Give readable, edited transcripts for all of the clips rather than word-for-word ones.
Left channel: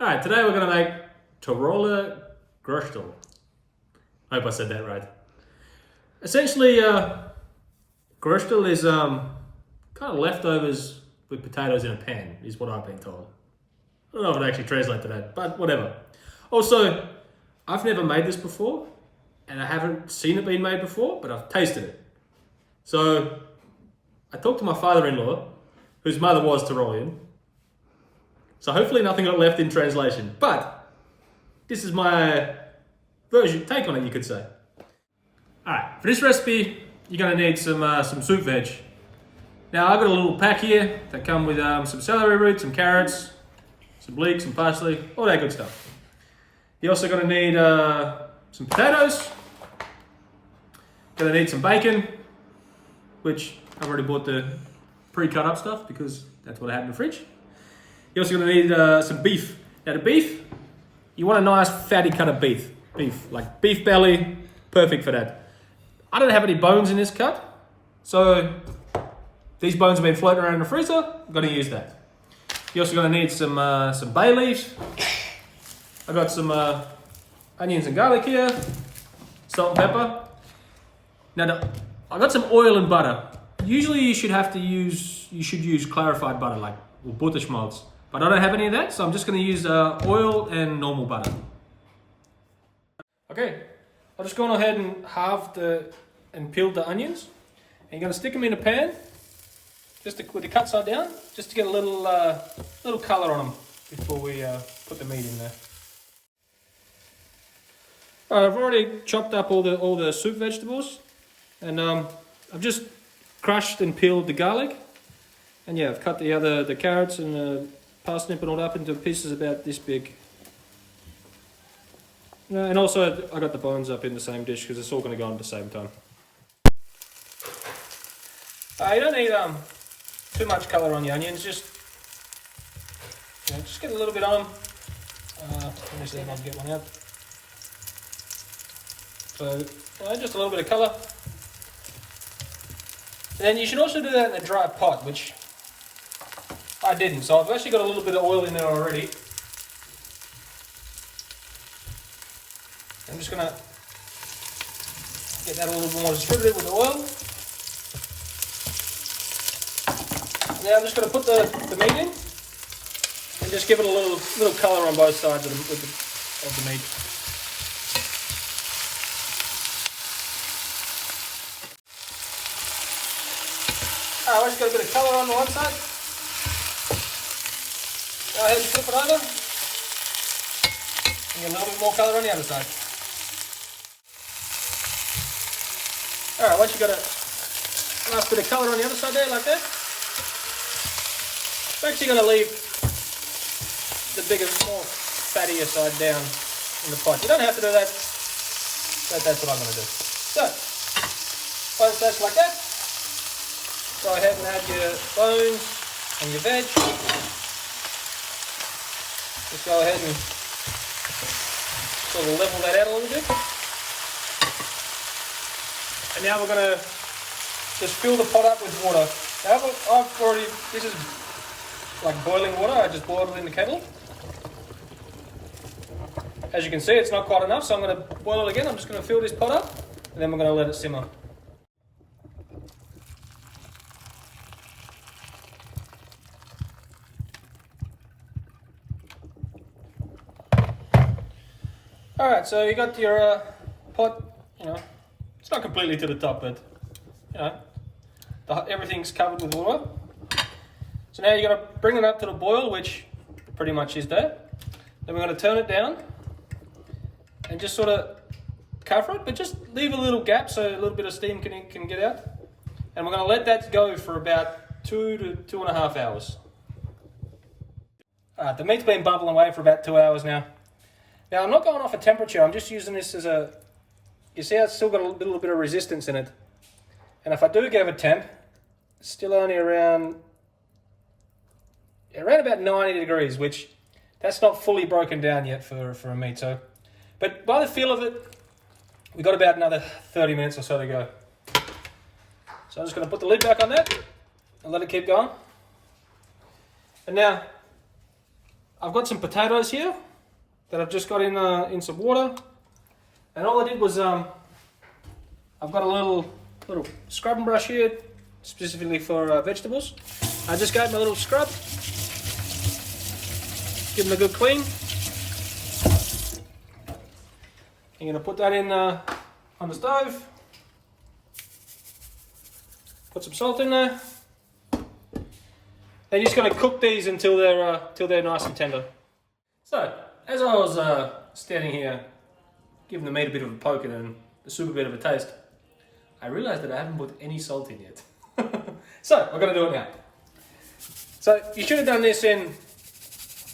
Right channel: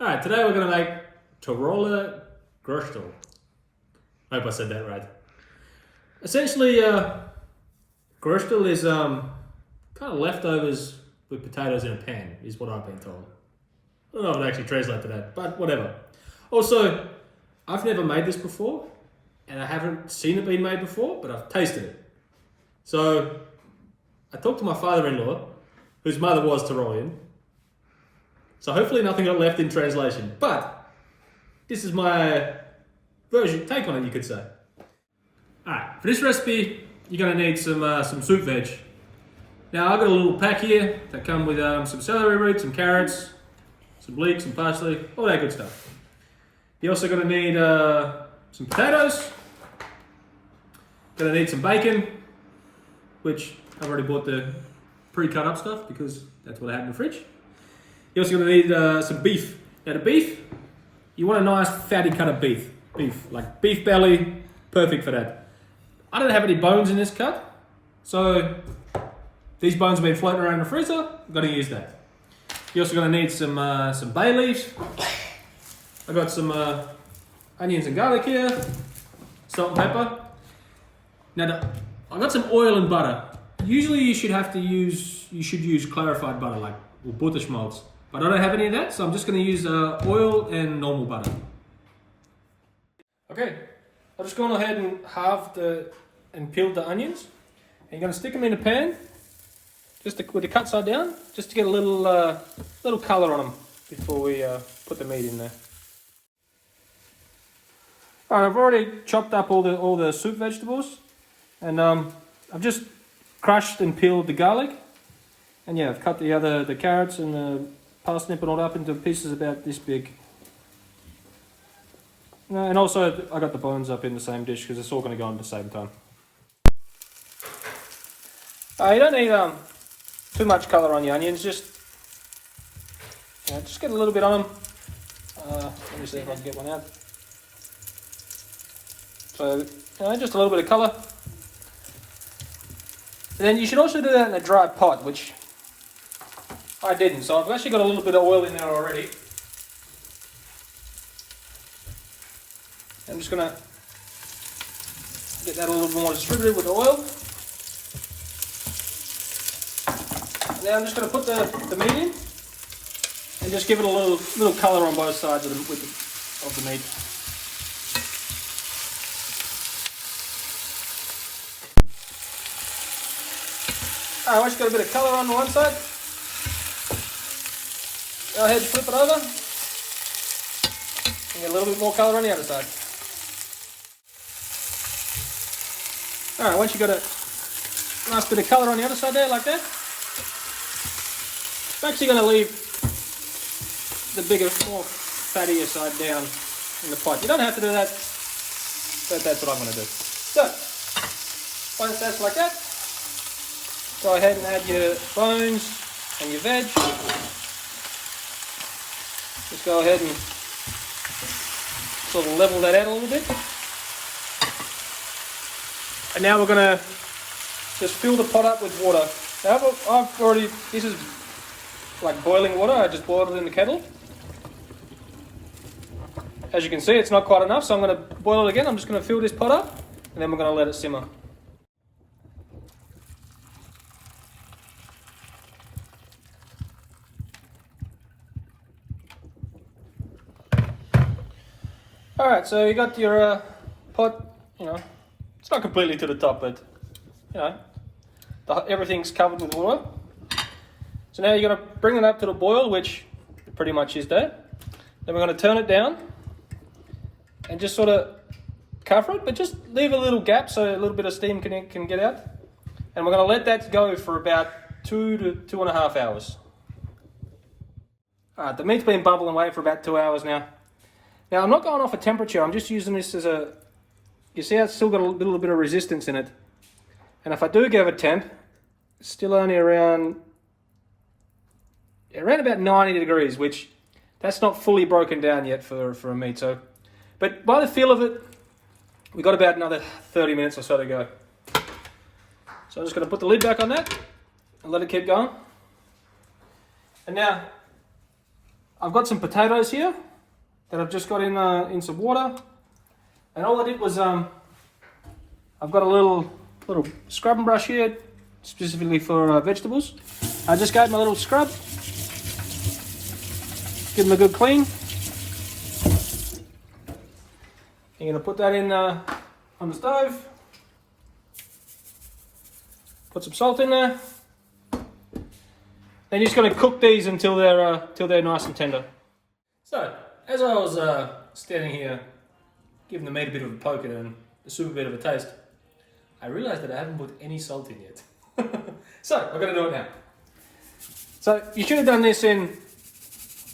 Alright, today we're going to make Tiroler Gröstl. I hope I said that right. Essentially, Gröstl is kind of leftovers with potatoes in a pan, is what I've been told. I don't know if it actually translates to that, but whatever. Also, I've never made this before, and I haven't seen it being made before, but I've tasted it. So, I talked to my father-in-law, whose mother was Tyrolean. So hopefully nothing got left in translation, but this is my take on it, you could say. Alright, for this recipe, you're going to need some soup veg. Now I've got a little pack here that come with some celery roots, some carrots, some leeks, some parsley, all that good stuff. You're also going to need some potatoes. Going to need some bacon, which I've already bought the pre-cut up stuff because that's what I had in the fridge. You're also going to need some beef. Now the beef, you want a nice fatty cut of beef. Like beef belly, perfect for that. I don't have any bones in this cut, so these bones have been floating around in the freezer. I'm going to use that. You're also going to need some bay leaves. I got some onions and garlic here, salt and pepper. Now I got some oil and butter. Usually you should use clarified butter, like Butterschmalz. But I don't have any of that, so I'm just going to use oil and normal butter. Okay, I'll just go ahead and halved and peeled the onions. And you're going to stick them in a pan, with the cut side down, just to get a little colour on them before we put the meat in there. Alright, I've already chopped up all the soup vegetables, and I've just crushed and peeled the garlic. And yeah, I've cut the carrots and the parsnip and all up into pieces about this big. And also I got the bones up in the same dish because it's all going to go on at the same time. You don't need too much colour on your onions, just get a little bit on them. Let me see if I can get one out. So just a little bit of colour. And then you should also do that in a dry pot, which I didn't, so I've actually got a little bit of oil in there already. I'm just going to get that a little more distributed with the oil. Now I'm just going to put the meat in and just give it a little colour on both sides of the meat. Alright, once you've got a bit of colour on one side, go ahead and flip it over and get a little bit more colour on the other side. Alright, once you've got a nice bit of colour on the other side there, like that, I'm actually going to leave the bigger, more fattier side down in the pot. You don't have to do that, but that's what I'm going to do. So, once that's like that, go ahead and add your bones and your veg. Just go ahead and sort of level that out a little bit. And now we're going to just fill the pot up with water. Now this is like boiling water. I just boiled it in the kettle. As you can see, it's not quite enough, so I'm going to boil it again. I'm just going to fill this pot up, and then we're going to let it simmer. Alright, so you got your pot, it's not completely to the top, but everything's covered with water. So now you're going to bring it up to the boil, which pretty much is that. Then we're going to turn it down and just sort of cover it, but just leave a little gap so a little bit of steam can get out. And we're going to let that go for about 2 to 2.5 hours. Alright, the meat's been bubbling away for about 2 hours now. Now I'm not going off a temperature, I'm just using this as you see it's still got a little bit of resistance in it. And if I do give a temp, it's still only around about 90 degrees, which that's not fully broken down yet for a meat. So, but by the feel of it, we've got about another 30 minutes or so to go. So I'm just going to put the lid back on that and let it keep going. And now I've got some potatoes here that I've just got in some water, and all I did was I've got a little scrubbing brush here specifically for vegetables. I just gave them a little scrub, give them a good clean. I'm going to put that in on the stove, put some salt in there. Then you're just going to cook these until they're nice and tender. So, as I was standing here, giving the meat a bit of a poke and the soup a bit of a taste, I realised that I haven't put any salt in yet. So, I'm going to do it now. So, you should have done this in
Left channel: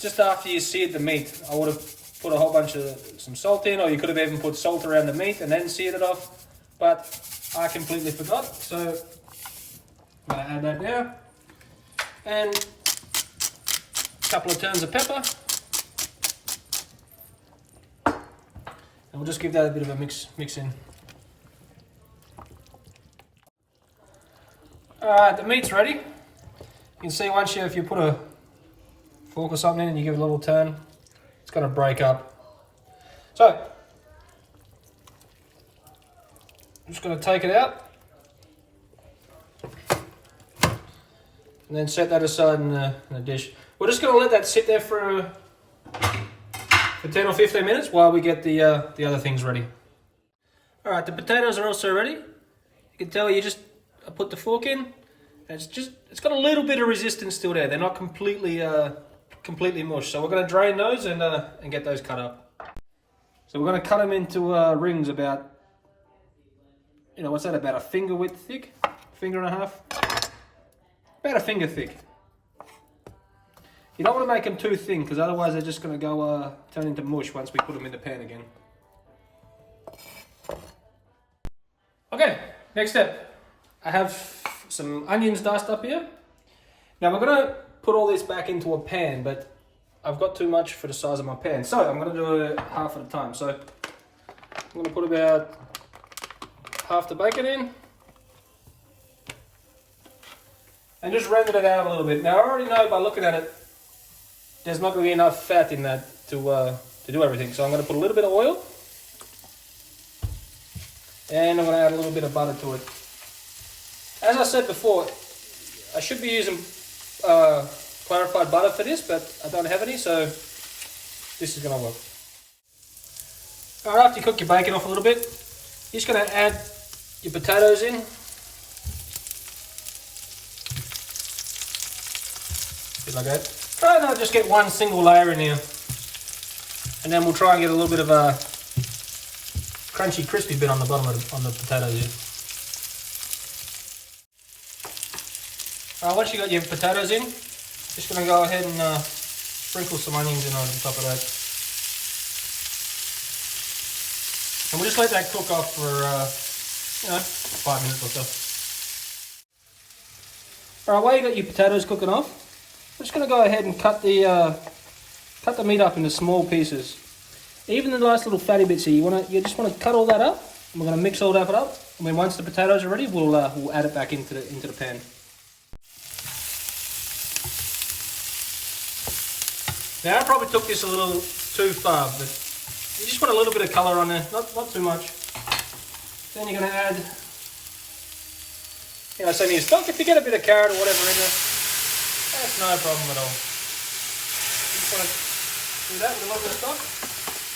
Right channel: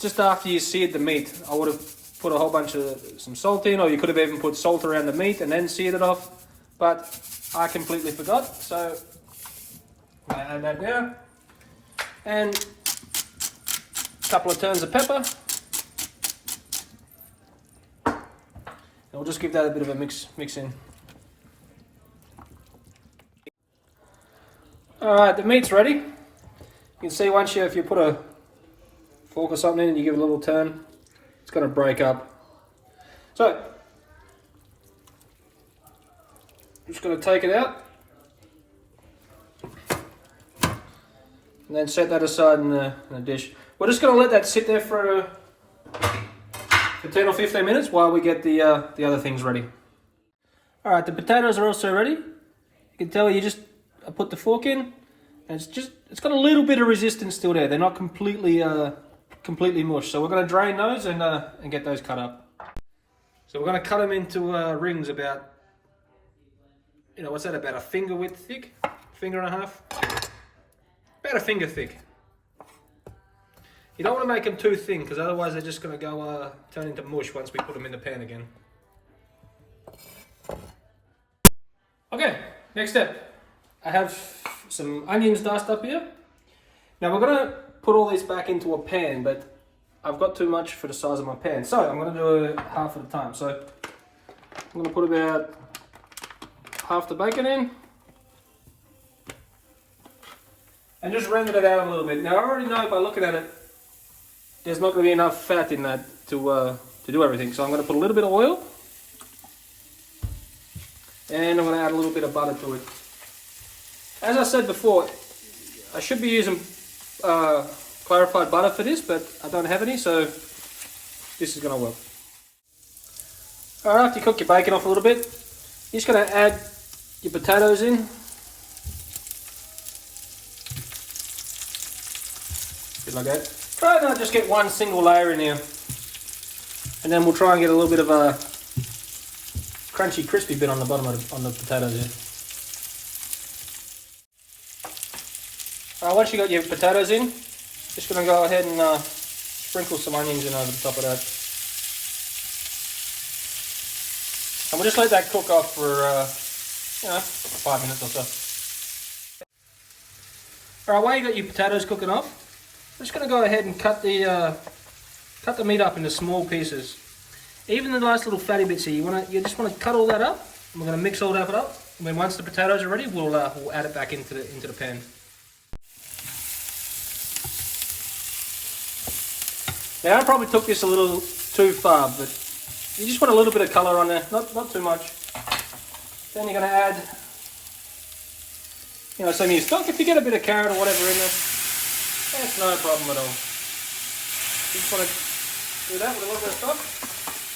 just after you seared the meat. I would have put a whole bunch of some salt in, or you could have even put salt around the meat and then seared it off. But I completely forgot, so I'm going to add that now. And a couple of turns of pepper. And we'll just give that a bit of a mix in. Alright, the meat's ready. You can see if you put a fork or something in and you give it a little turn, it's going to break up. So, I'm just going to take it out. And then set that aside in the dish. We're just going to let that sit there for 10 or 15 minutes while we get the other things ready. Alright, the potatoes are also ready. You can tell I put the fork in, and it's got a little bit of resistance still there. They're not completely mush. So we're going to drain those and get those cut up. So we're going to cut them into rings about, what's that, about a finger width thick? Finger and a half? About a finger thick. You don't want to make them too thin because otherwise they're just going to go turn into mush once we put them in the pan again. Okay, next step. I have some onions diced up here. Now we're going to put all this back into a pan, but I've got too much for the size of my pan, so I'm going to do it half at a time. So I'm going to put about half the bacon in. And just render it out a little bit. Now I already know by looking at it, there's not going to be enough fat in that to do everything. So I'm going to put a little bit of oil, and I'm going to add a little bit of butter to it. As I said before, I should be using clarified butter for this, but I don't have any, so this is going to work. Alright, after you cook your bacon off a little bit, you're just going to add your potatoes in. Like that. Right now, just get one single layer in here, and then we'll try and get a little bit of a crunchy, crispy bit on the bottom on the potatoes here. Once you got your potatoes in, just going to go ahead and sprinkle some onions in over the top of that, and we'll just let that cook off for 5 minutes or so. All right, while you got your potatoes cooking off, I'm just going to go ahead and cut the meat up into small pieces. Even the nice little fatty bits here, you just want to cut all that up. And we're going to mix all that up. And then once the potatoes are ready, we'll add it back into the pan. Now I probably took this a little too far, but you just want a little bit of colour on there, not too much. Then you're going to add, some of your stock. If you get a bit of carrot or whatever in there, that's no problem at all. Just want to do that with a little bit of stock.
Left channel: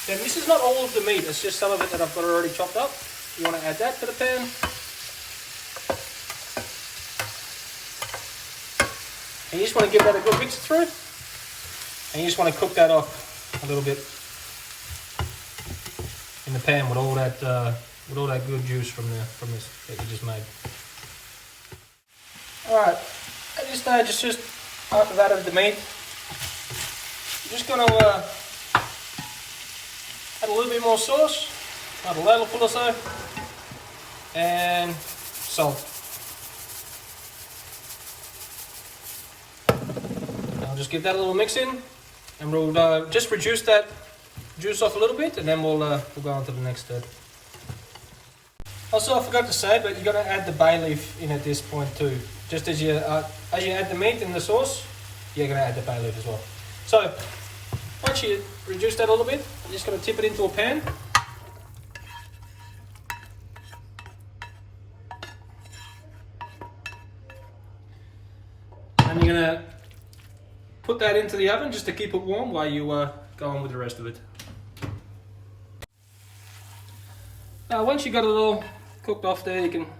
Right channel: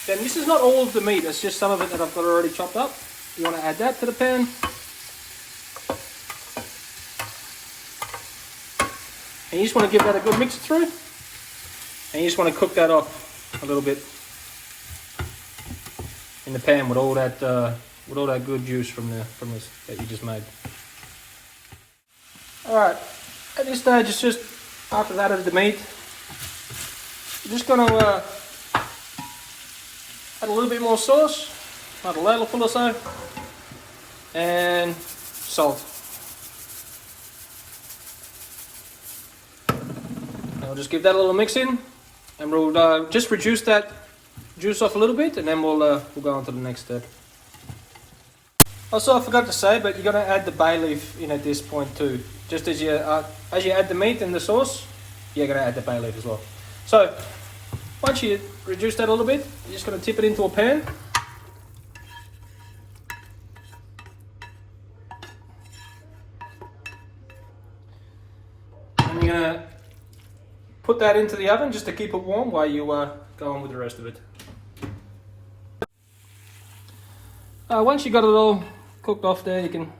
Then this is not all of the meat, it's just some of it that I've got already chopped up. You want to add that to the pan. And you just want to give that a good mix through. And you just want to cook that off a little bit in the pan with all that good juice from this that you just made. All right, at this stage, it's just after that of the meat. I'm just going to add a little bit more sauce, about a ladle full or so, and salt. I'll just give that a little mix in, and we'll just reduce that juice off a little bit, and then we'll go on to the next step. Also, I forgot to say, but you're going to add the bay leaf in at this point too. Just as you add the meat and the sauce, you're going to add the bay leaf as well. So, once you reduce that a little bit, you're just going to tip it into a pan. And you're going to put that into the oven just to keep it warm while you go on with the rest of it. Once you got it all cooked off there, you can,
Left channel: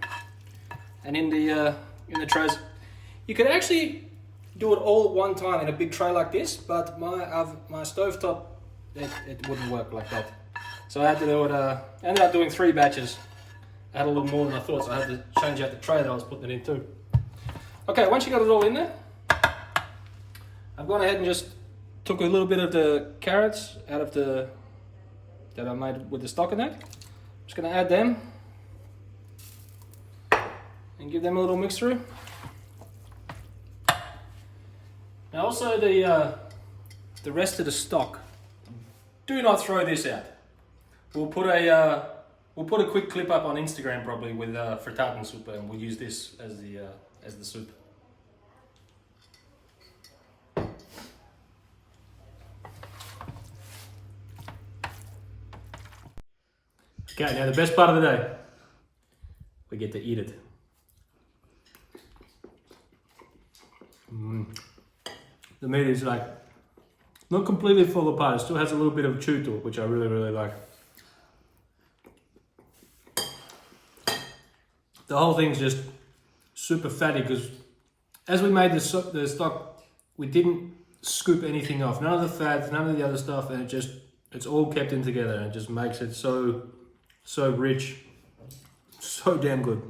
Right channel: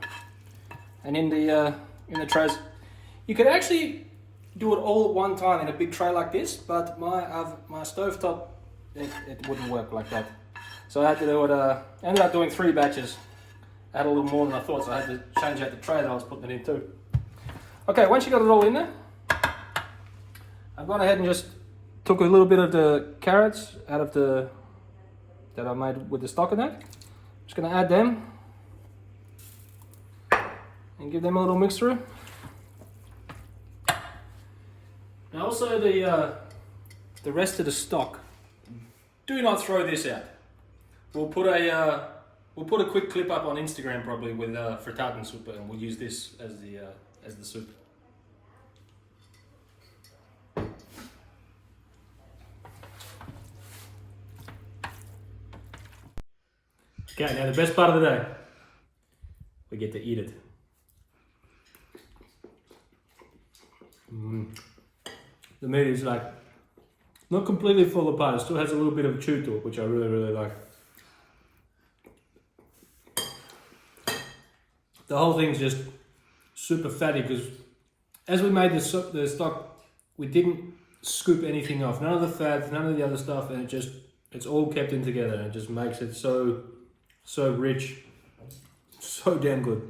and in the trays, you can actually do it all at one time in a big tray like this, but my stovetop, it wouldn't work like that. So I had to do it, I ended up doing 3 batches. I had a little more than I thought, so I had to change out the tray that I was putting it in too. Okay, once you got it all in there, I've gone ahead and just took a little bit of the carrots out of that I made with the stock in that. Just gonna add them and give them a little mix through. Now also the rest of the stock, do not throw this out. We'll put a quick clip up on Instagram probably with frittaten soup, and we'll use this as the soup. Okay, now the best part of the day, we get to eat it. The meat is like not completely fall apart. It still has a little bit of chew to it, which I really, really like. The whole thing's just super fatty because as we made the stock, we didn't scoop anything off. None of the fats, none of the other stuff, and it's all kept in together, and it just makes it so rich, so damn good.